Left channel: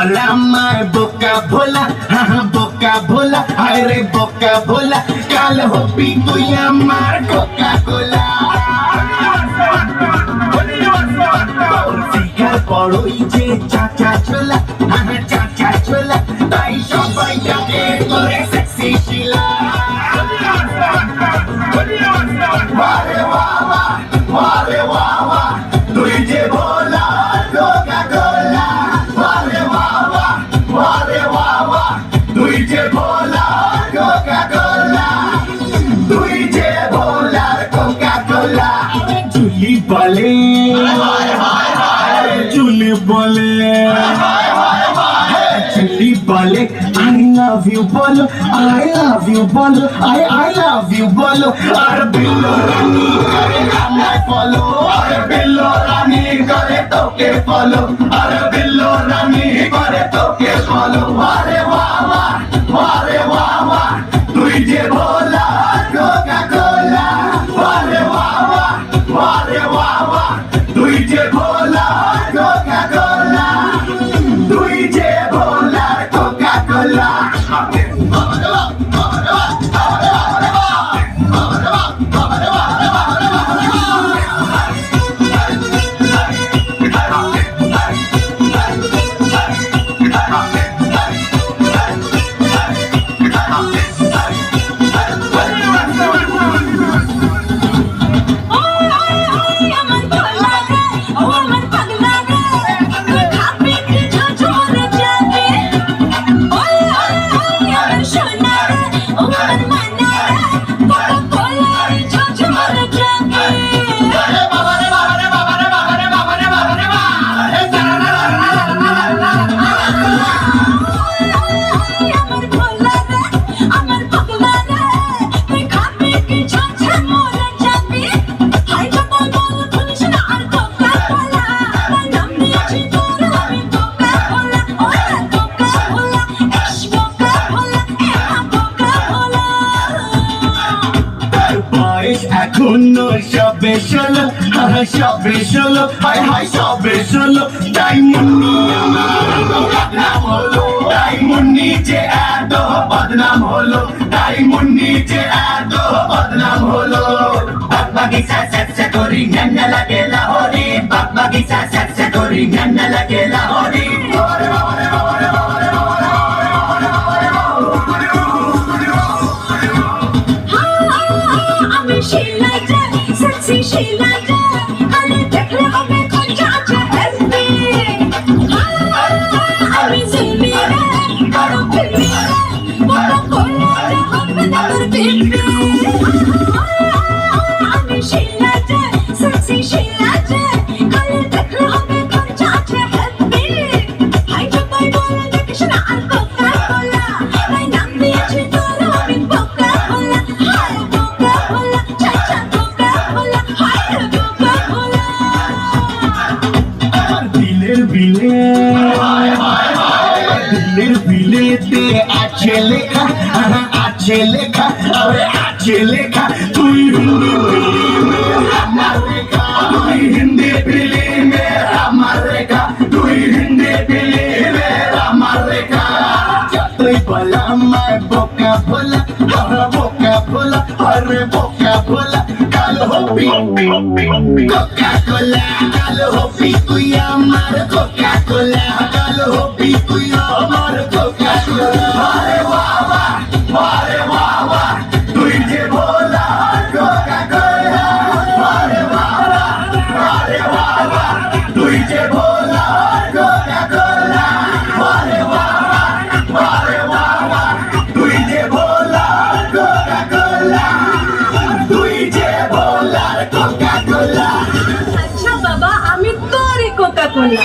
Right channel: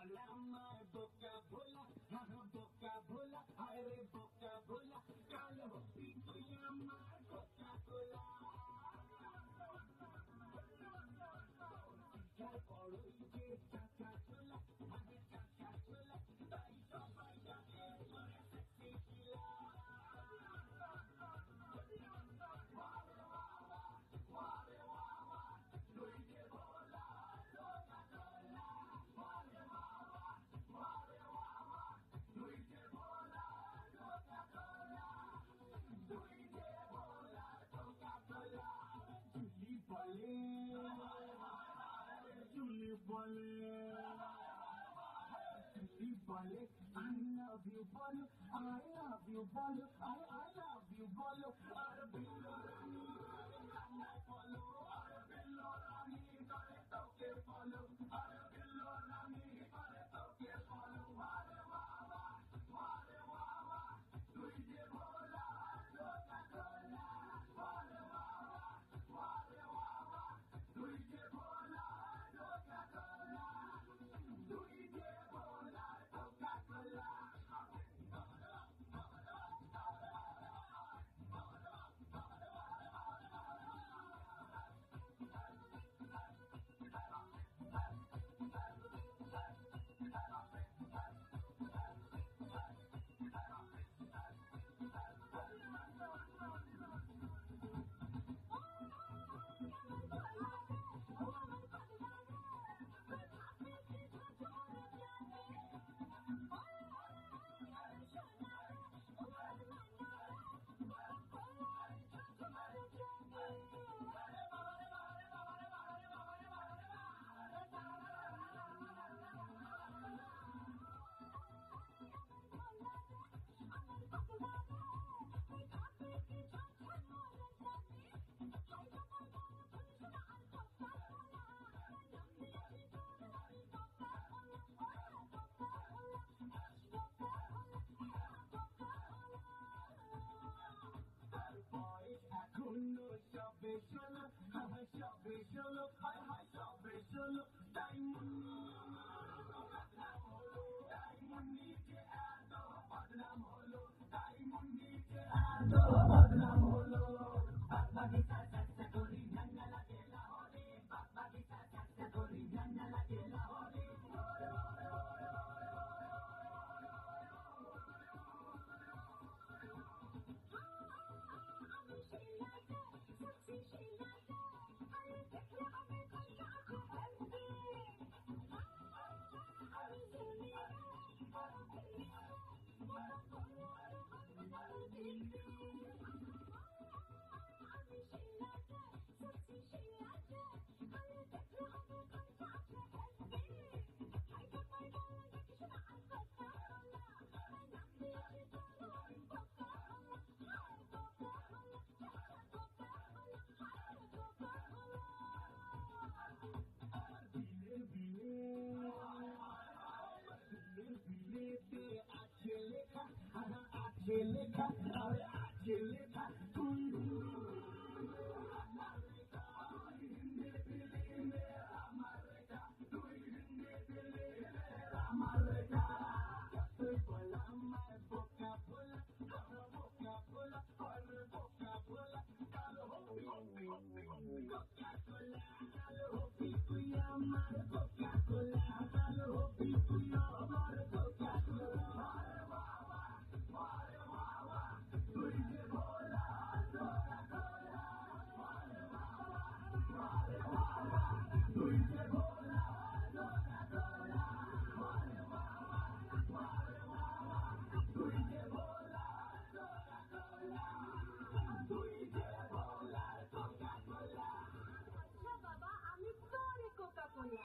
বলা আমার বোকা ভোলা হ্যাঁ বোকা ভোলা আরে বোকা ভোলা, কাল হবি তুই আমার কোকা কোলা শিখা পড়ই যে চাচা চোলা লাভ ইউ বলো আই লাভ ইউ বলো আই আই লাভ ইউ বলো আর বিল্লো রানী করে আমায় ফলো আর বিল্লো রানী করে তোকে ফলো আর বিল্লো রানী করে তোকে ফলো আরে বাবা হাই সবে চলো হাই হাই সবে চলো তাই মুন্নি বদনাম হলো তাই মুন্নি যে এত বদনাম হলো তাই মুন্নি যে এত বদনাম হলো বাগিচা সেক্সে করি নান্না লাগে লাহরি বাগিচা সেক্সে করি নান্না লাগে লাহরি ফিলে দিনের ফিলেতে আছে লেখা আছে লেখা আরে আছে হবি কোকা কোলা কাল হবি তুই আমার কোকা কোলা কাল হবি তুই আমার কোকা কোলা আরে বাহ বাহ আরে বাহ বাহ তুই যে ভোলা কোকা কোলা আরে বাহ বাহ আরে বাহ বাহ তুই যে ভোলা কোকা কোলা